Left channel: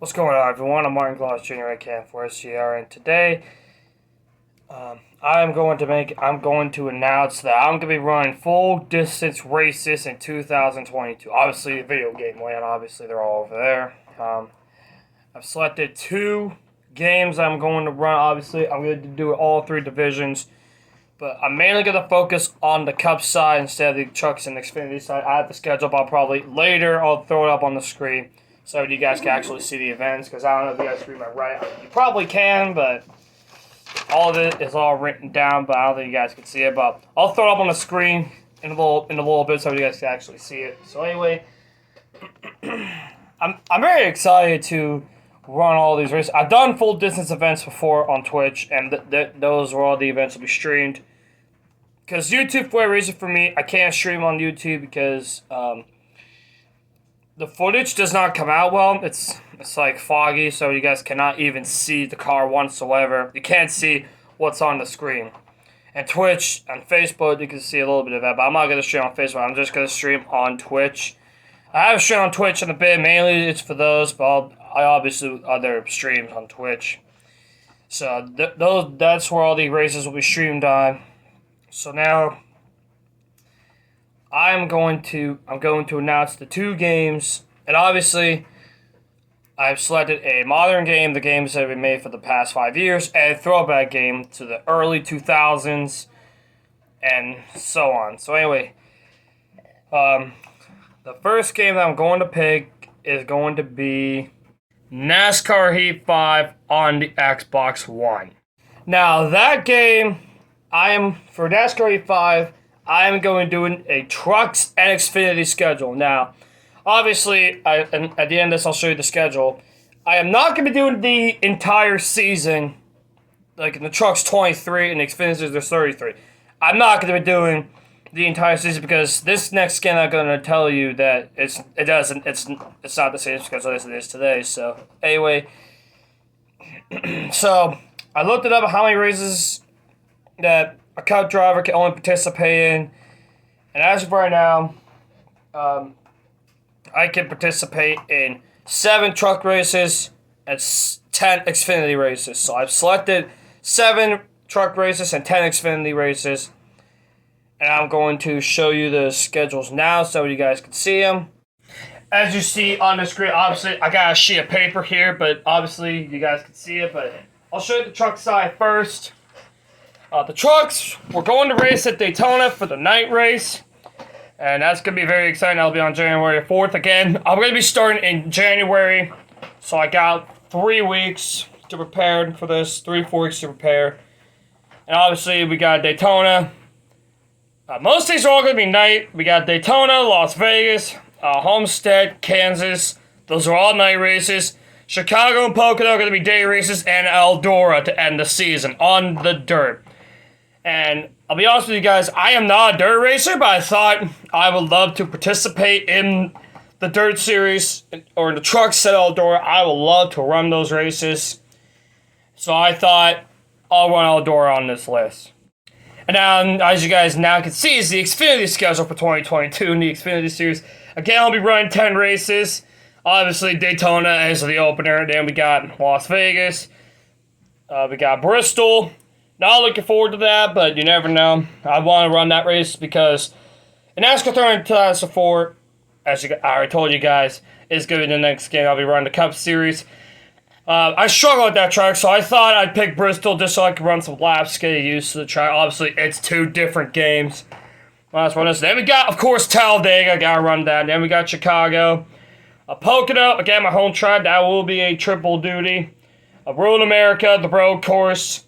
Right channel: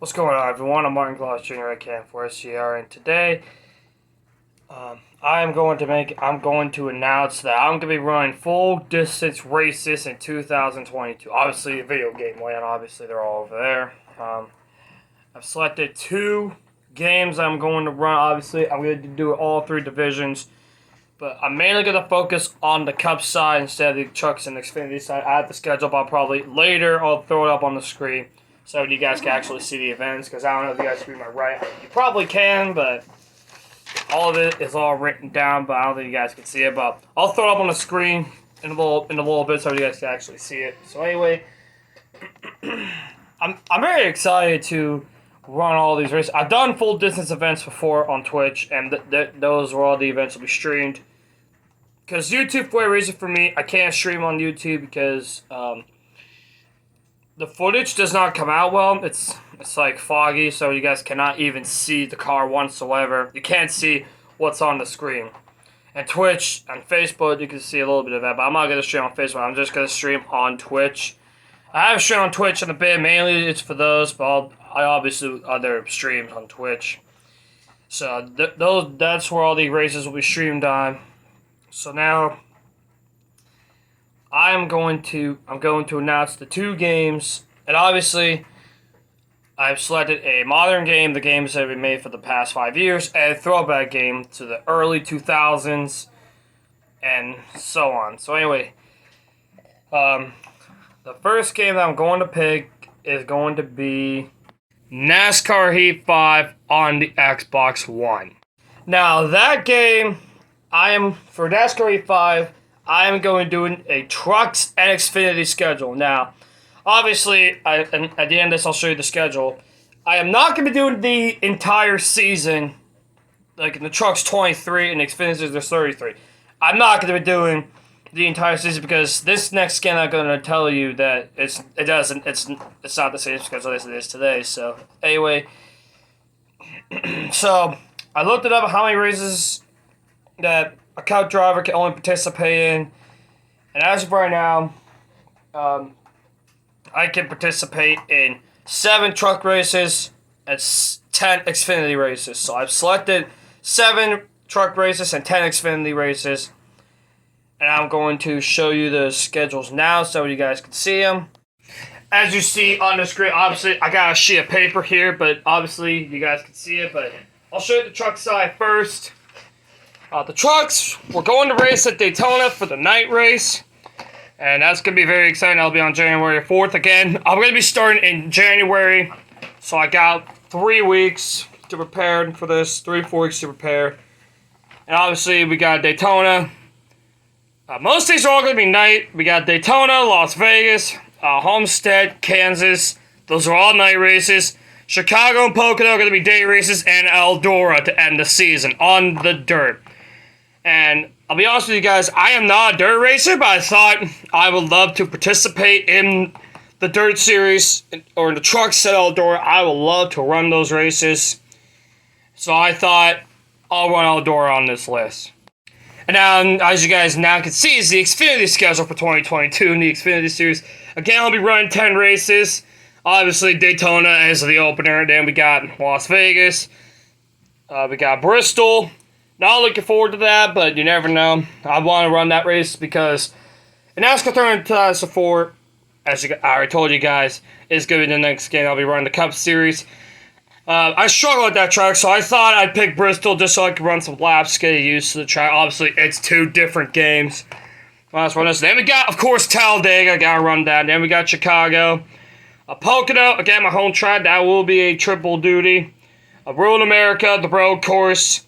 What's going on, everyone? I'm Martinsville Jr. Jan.4 SGR, and today I'm going to announce that I'm going to be running full distance races in 2022. Obviously, the video game land. Obviously, they're all over there. I've selected 2 games I'm going to run. Obviously, I'm going to do all 3 divisions, but I'm mainly going to focus on the Cup side instead of the trucks and Xfinity side. I have the schedule, but I'll probably later I'll throw it up on the screen so you guys can actually see the events, because I don't know if you guys can read my right. You probably can, but all of it is all written down, but I don't think you guys can see it. But I'll throw it up on the screen in a little bit so you guys can actually see it. So anyway, I'm very excited to run all these races. I've done full distance events before on Twitch, and those were all the events will be streamed. Because YouTube, for whatever reason for me, I can't stream on YouTube because the footage does not come out well. It's like foggy, so you guys cannot even see the car whatsoever. You can't see what's on the screen. And Twitch and Facebook, you can see a little bit of that, but I'm not going to stream on Facebook. I'm just going to stream on Twitch. I have a stream on Twitch in a bit. Mainly it's for those, but I obviously do other streams on Twitch. So that's where all the races will be streamed on. So now I'm going to announce the 2 games, and obviously I've selected a modern game, the games that have been made for the past 5 years, and a throwback game to the early 2000s, and so on. So anyway, the first game that I'm going to pick is going to be NASCAR Heat 5 on the Xbox One. Now that game, for NASCAR Heat 5, I am going to do a trucks and Xfinity schedule. Now, obviously, at the end of this, I'll show you the schedule. I am not going to be doing the entire season, like in the trucks 23 and Xfinity there's 33. I'm not going to be doing the entire season because this next scan I'm going to tell you that it's not the same schedule as it is today. So anyway, so I looked it up how many races that a Cup driver can only participate in, and as of right now, I can participate in 7 truck races and 10 Xfinity races. So I've selected 7 truck races and 10 Xfinity races, and I'm going to show you the schedules now so you guys can see them. As you see on the screen, obviously I got a sheet of paper here, but obviously you guys can see it. But I'll show you the truck side first. The trucks, we're going to race at Daytona for the night race, and that's going to be very exciting. I'll be on January 4th again. I'm going to be starting in January, so I got 3 weeks to prepare for this, 3-4 weeks to prepare. And obviously, we got Daytona. Most of these are all going to be night. We got Daytona, Las Vegas, Homestead, Kansas. Those are all night races. Chicago and Pocono are going to be day races, and Eldora to end the season on the dirt. And I'll be honest with you guys, I am not a dirt racer, but I thought I would love to participate in the dirt series or in the trucks at Eldora. I would love to run those races. So I thought I'll run Eldora on this list. And now, as you guys now can see, is the Xfinity schedule for 2022 in the Xfinity series. Again, I'll be running 10 races. Obviously, Daytona is the opener. Then we got Las Vegas. We got Bristol. Not looking forward to that, but you never know. I want to run that race because in NASCAR 2004, as I already told you guys, is going to be the next game. I'll be running the Cup Series. I struggle with that track, so I thought I'd pick Bristol just so I could run some laps, get used to the track. Obviously, it's 2 different games. Let's run this. Then we got, of course, Talladega. Got to run that. Then we got Chicago. Pocono, again, my home track. That will be a triple duty. Road America, the road course.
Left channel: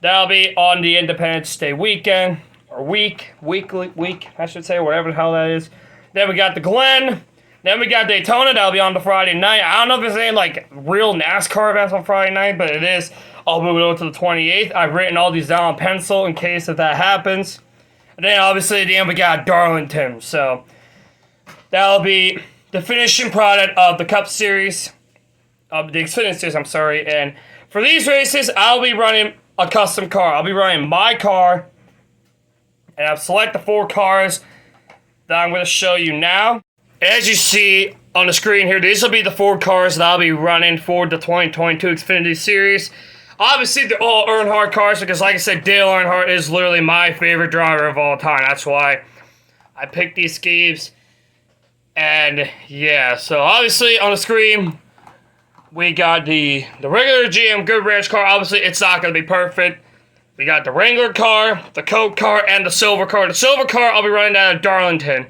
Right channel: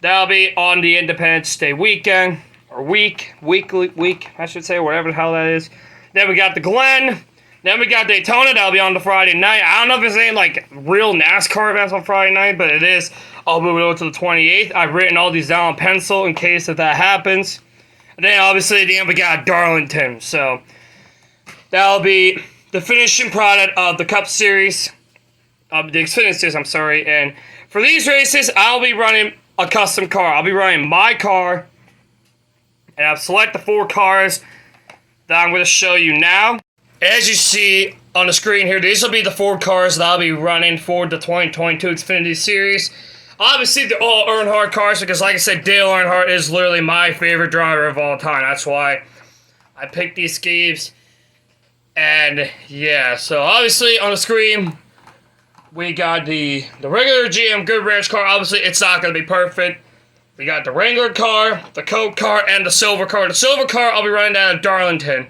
That'll be on the Independence Day weekend, or week, I should say, whatever the hell that is. Then we got the Glen. Then we got Daytona. That'll be on the Friday night. I don't know if it's any, like, real NASCAR events on Friday night, but it is. I'll move it over to the 28th. I've written all these down on pencil in case if that happens. And then, obviously, at the end, we got Darlington. So, that'll be the finishing product of the Cup Series, of the Xfinity Series, I'm sorry. And for these races, I'll be running a custom car. I'll be running my car, and I've selected the 4 cars that I'm going to show you now. As you see on the screen here, these will be the 4 cars that I'll be running for the 2022 Xfinity Series. Obviously, they're all Earnhardt cars because, like I said, Dale Earnhardt is literally my favorite driver of all time. That's why I picked these schemes. And, yeah, so obviously on the screen, we got the regular GM Good Ranch car. Obviously, it's not going to be perfect. We got the Wrangler car, the Coke car, and the Silver car. The Silver car, I'll be running out of Darlington.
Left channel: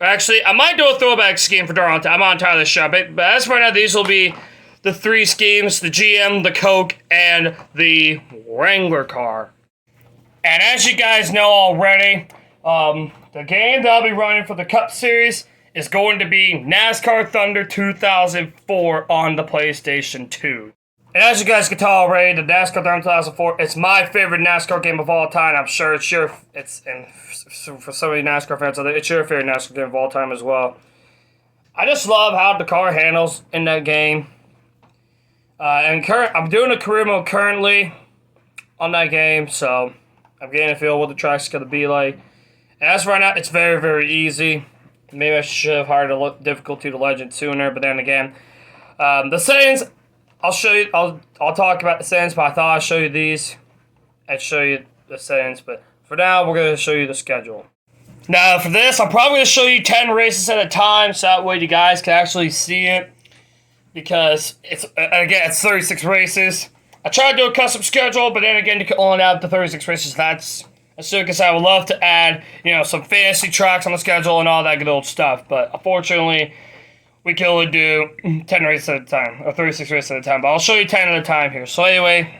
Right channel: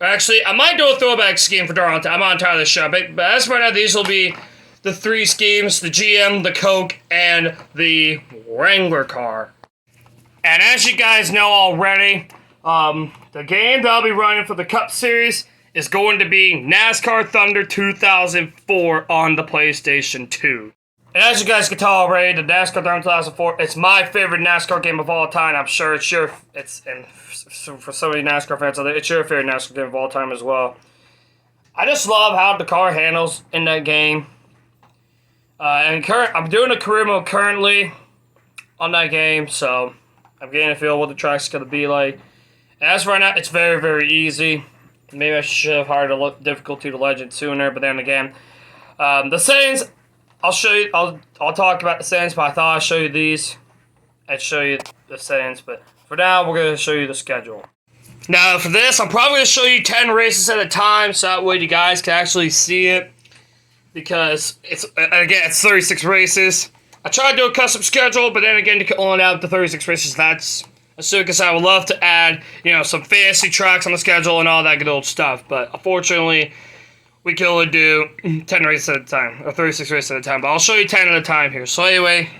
Actually, I might do a throwback scheme for Darlington. I'm not entirely sure. But as of right now, these will be the 3 schemes, the GM, the Coke, and the Wrangler car. And as you guys know already, the game that I'll be running for the Cup Series is going to be NASCAR Thunder 2004 on the PlayStation 2. And as you guys can tell already, the NASCAR Thunder 2004, it's my favorite NASCAR game of all time. I'm sure it's for so many NASCAR fans, it's your favorite NASCAR game of all time as well. I just love how the car handles in that game. I'm doing a career mode currently on that game, so I'm getting a feel what the track's going to be like. And as right now, it's very, very easy. Maybe I should have hired a difficulty to Legend sooner, but then again, the settings, I'll show you. I'll talk about the settings, but I thought I'd show you these and show you the settings. But for now, we're going to show you the schedule. Now, for this, I'm probably going to show you 10 races at a time, so that way you guys can actually see it. Because it's 36 races. I tried to do a custom schedule, but then again, you can only have the 36 races. That's because I would love to add, some fantasy tracks on the schedule and all that good old stuff. But unfortunately, we can only do 10 races at a time, or 36 races at a time. But I'll show you 10 at a time here. So anyway,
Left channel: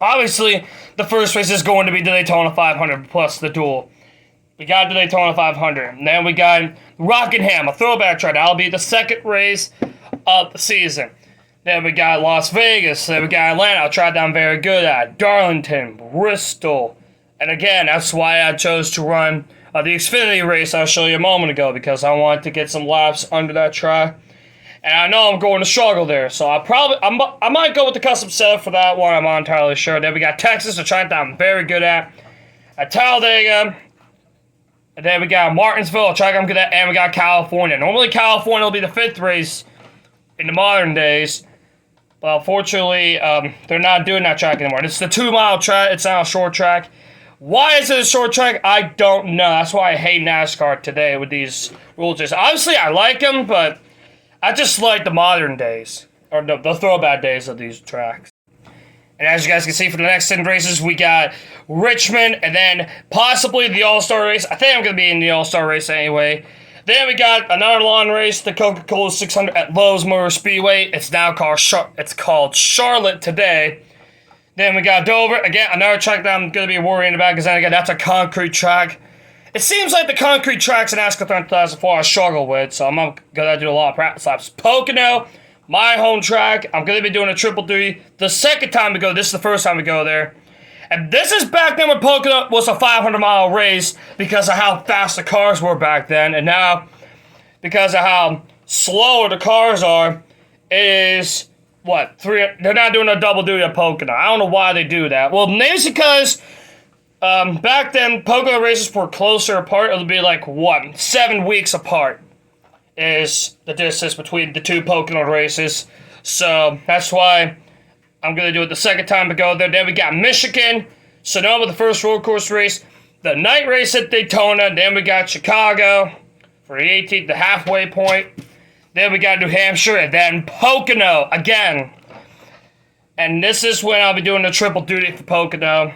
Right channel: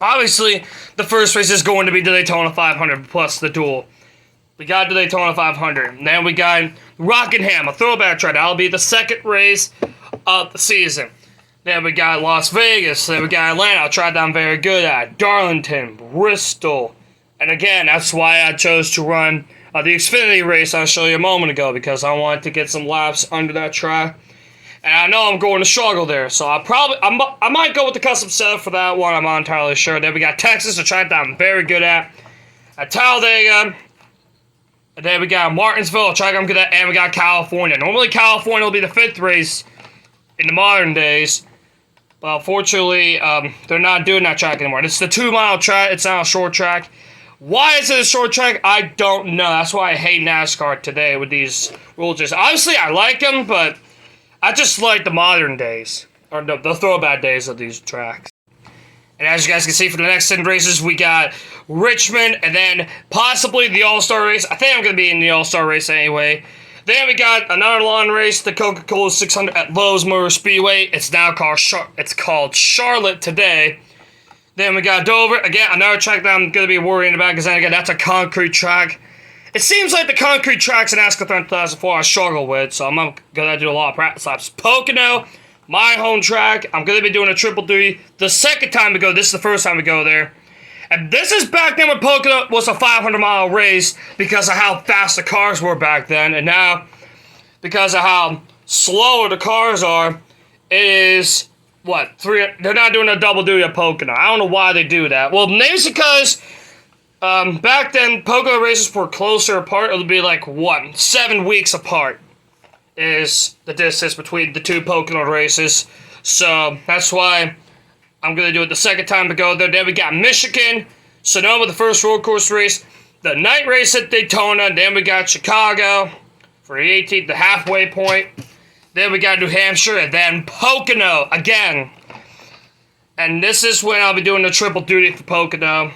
obviously, the first race is going to be the Daytona 500 plus the duel. We got the Daytona 500. And then we got Rockingham, a throwback track. That'll be the second race of the season. Then we got Las Vegas. Then we got Atlanta, a track that I'm very good at. Darlington, Bristol. And again, that's why I chose to run the Xfinity race I'll show you a moment ago, because I wanted to get some laps under that track. And I know I'm going to struggle there, so I might go with the custom setup for that one. I'm not entirely sure. Then we got Texas, a track that I'm very good at Talladega. And then we got Martinsville, a track I'm good at, and we got California. Normally California will be the 5th race in the modern days, but unfortunately, they're not doing that track anymore. It's the 2-mile track. It's not a short track. Why is it a short track? I don't know. That's why I hate NASCAR today with these rules. Obviously, I like them, but I just like the modern days, or the throwback days of these tracks. And as you guys can see, for the next 10 races, we got Richmond, and then possibly the All-Star race. I think I'm going to be in the All-Star race anyway. Then we got another lawn race, the Coca-Cola 600 at Lowe's Motor Speedway. It's now called Charlotte today. Then we got Dover. Again, another track that I'm going to be worrying about, because then again, that's a concrete track. It seems like the concrete tracks in NASCAR 2004 I struggle with, so I'm not going to do a lot of practice laps. Pocono, my home track. I'm going to be doing a triple duty. The second time we go, this is the first time we go there. And this is back then when Pocono was a 500-mile race because of how fast the cars were back then. And now, because of how slower the cars are, it is, they're not doing a double duty at Pocono. I don't know why they do that. Well, maybe it's because back then, Pocono races were closer apart. It would be 7 weeks apart is the distance between the 2 Pocono races. So that's why I'm going to do it the second time to go there. Then we got Michigan, Sonoma, the first road course race, the night race at Daytona. Then we got Chicago for the 18th, the halfway point. Then we got New Hampshire, and then Pocono again. And this is when I'll be doing the triple duty for Pocono.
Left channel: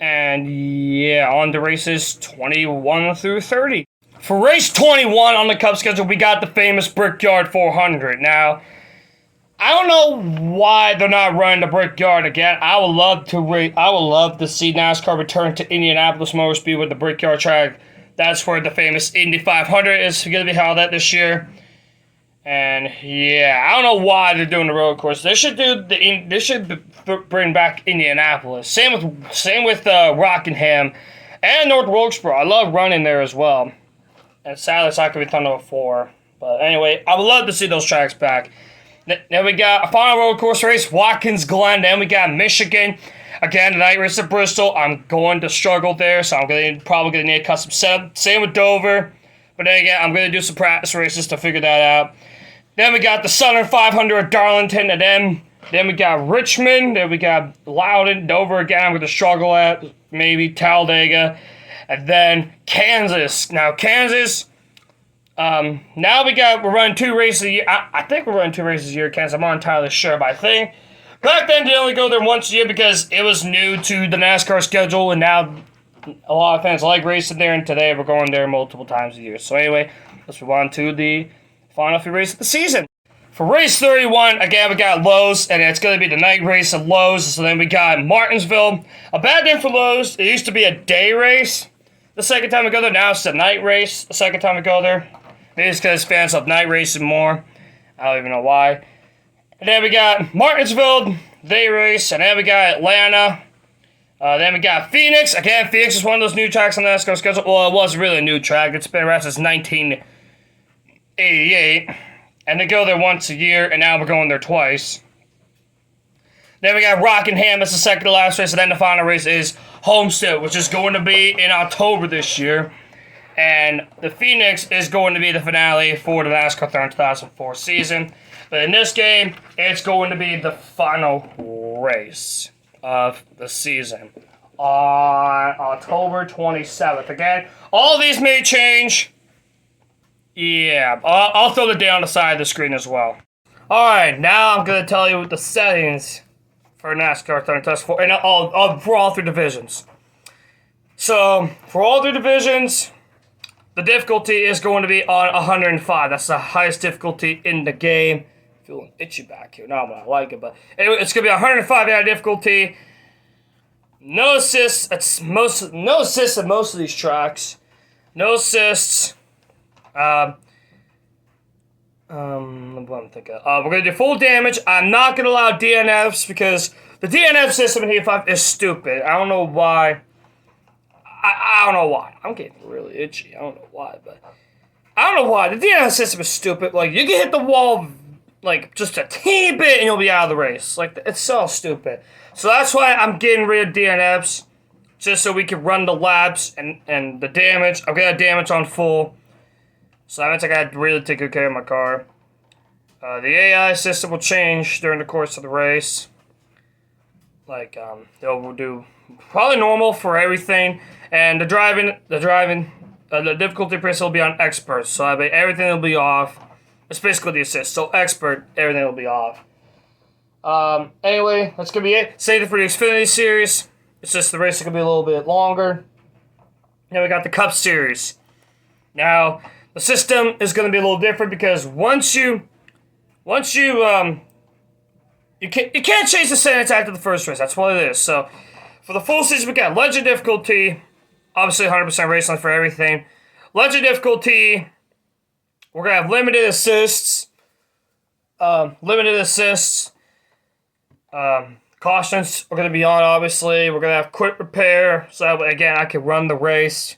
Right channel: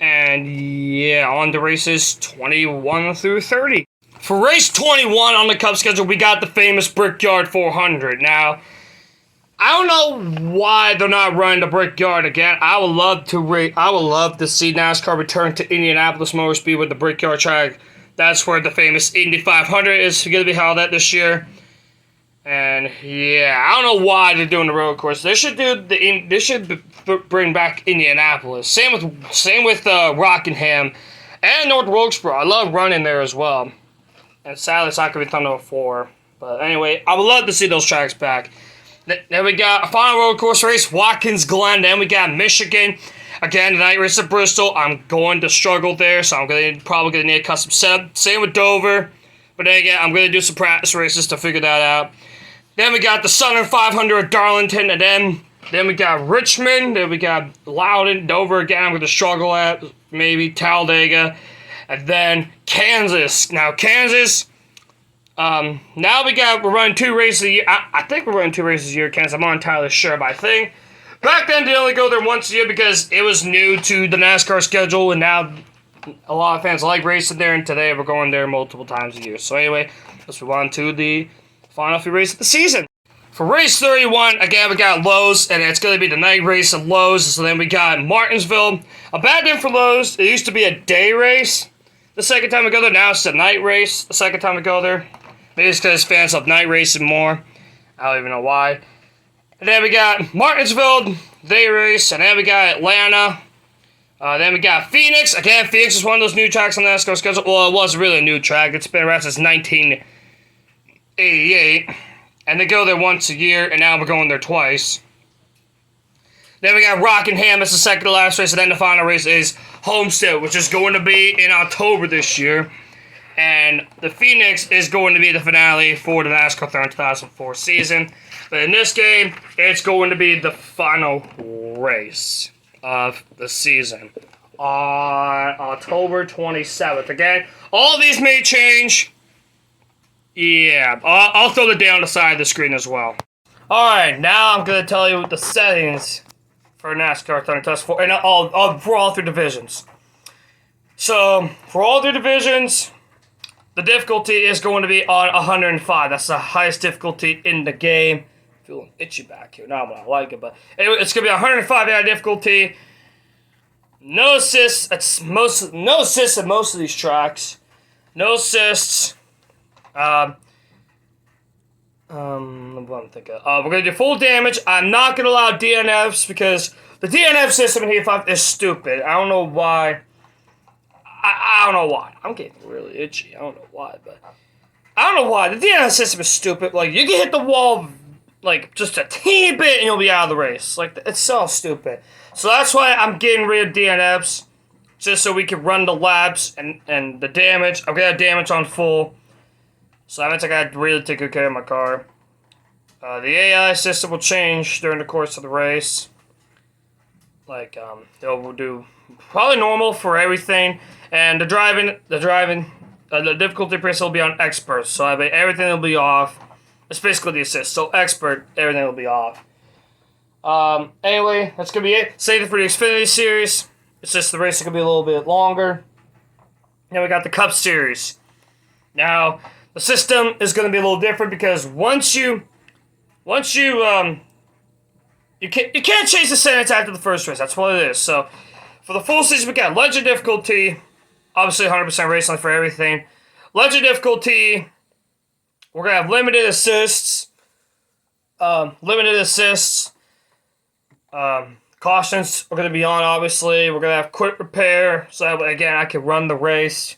And yeah, on to races 21 through 30. For race 21 on the Cup schedule, we got the famous Brickyard 400. Now, I don't know why they're not running the Brickyard again. I would love to see NASCAR return to Indianapolis Motor Speed with the Brickyard track. That's where the famous Indy 500 is going to be held at this year. And yeah, I don't know why they're doing the road course. They should bring back Indianapolis. Same with Rockingham and North Wilkesboro. I love running there as well. And sadly, it's not going to be Thunder 4. But anyway, I would love to see those tracks back. Then we got a final road course race, Watkins, Glen. Then we got Michigan. Again, the night race at Bristol. I'm going to struggle there, so I'm probably going to need a custom setup. Same with Dover. But then again, I'm going to do some practice races to figure that out. Then we got the Southern 500 at Darlington, and then we got Richmond, then we got Loudon, Dover again, I'm going to struggle at, maybe Talladega, and then Kansas. Now, Kansas, now we're running 2 races a year. I think we're running 2 races a year at Kansas. I'm not entirely sure, but I think back then they only go there once a year because it was new to the NASCAR schedule, and now a lot of fans like racing there, and today we're going there multiple times a year. So anyway, let's move on to the final few races of the season. For race 31, again, we got Lowe's, and it's going to be the night race at Lowe's. So then we got Martinsville. A bad thing for Lowe's, it used to be a day race the second time we go there. Now it's a night race the second time we go there. Maybe it's because fans love night racing more. I don't even know why. And then we got Martinsville, day race, and then we got Atlanta. Then we got Phoenix. Again, Phoenix is one of those new tracks on the NASCAR schedule. Well, it was really a new track. It's been around since 1988. And they go there once a year, and now we're going there twice. Then we got Rockingham. It's the second to last race, and then the final race is Homestead, which is going to be in October this year. And the Phoenix is going to be the finale for the NASCAR 2004 season. But in this game, it's going to be the final race of the season on October 27th. Again, all these may change. Yeah, I'll throw the day on the side of the screen as well. Alright, now I'm going to tell you the settings for NASCAR 2004, and for all 3 divisions. So, for all 3 divisions, the difficulty is going to be on 105. That's the highest difficulty in the game. Feeling itchy back here. No, I like it, but anyway, it's going to be 105 difficulty. No assists. No assists at most of these tracks. No assists. What I'm thinking. We're going to do full damage. I'm not going to allow DNFs because the DNF system in Heat 5 is stupid. I don't know why. I don't know why. I'm getting really itchy. I don't know why, but I don't know why. The DNF system is stupid. Like, you can hit the wall, like, just a teeny bit and you'll be out of the race. Like, it's so stupid. So that's why I'm getting rid of DNFs, just so we can run the laps and the damage. I'm going to have damage on full. So that means I got to really take good care of my car. The AI system will change during the course of the race. Like, they'll do probably normal for everything. And the difficulty price will be on expert. So I mean, everything will be off. It's basically the assist. So expert, everything will be off. Anyway, that's going to be it. Save it for the Xfinity series. It's just the race is going to be a little bit longer. Then we got the Cup series. Now, the system is going to be a little different because you can't change the settings after the first race. That's what it is. So, for the full season, we got Legend difficulty. Obviously, 100% racing for everything. Legend difficulty. We're going to have limited assists. Cautions are going to be on, obviously. We're going to have quick repair. So, again, I can run the race.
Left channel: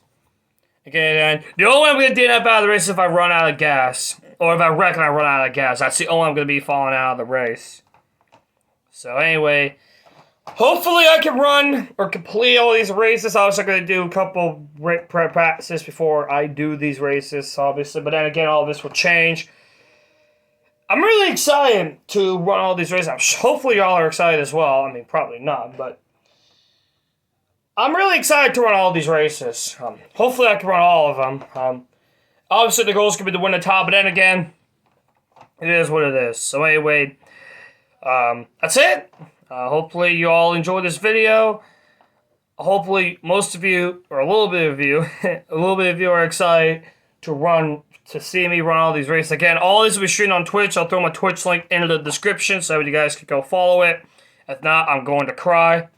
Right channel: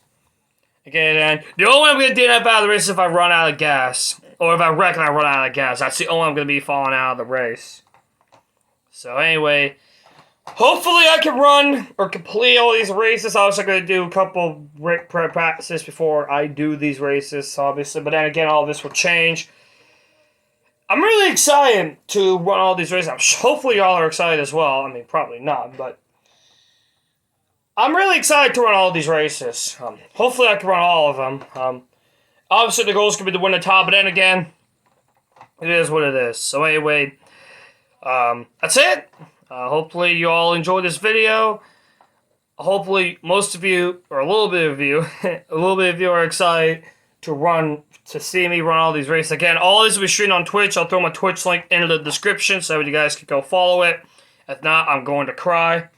Again, the only way I'm going to DNF out of the race is if I run out of gas. Or if I reckon I run out of gas. That's the only way I'm going to be falling out of the race. So, anyway, hopefully I can run or complete all these races. Obviously, I'm going to do a couple prep practices before I do these races, obviously. But then again, all this will change. I'm really excited to run all these races. Hopefully y'all are excited as well. I mean, probably not, but I'm really excited to run all these races. Hopefully I can run all of them. Obviously, the goal is going to be to win the top, but then again, it is what it is. So anyway, that's it. Hopefully you all enjoyed this video. Hopefully most of you, or a little bit of you, are excited to see me run all these races. Again, all this will be streamed on Twitch. I'll throw my Twitch link in the description so you guys can go follow it. If not, I'm going to cry.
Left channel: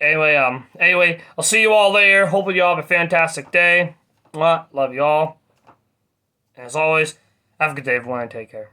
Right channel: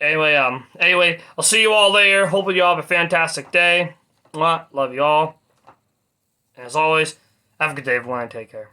Anyway, I'll see you all later. Hopefully you all have a fantastic day. Love you all. And as always, have a good day, everyone, and take care.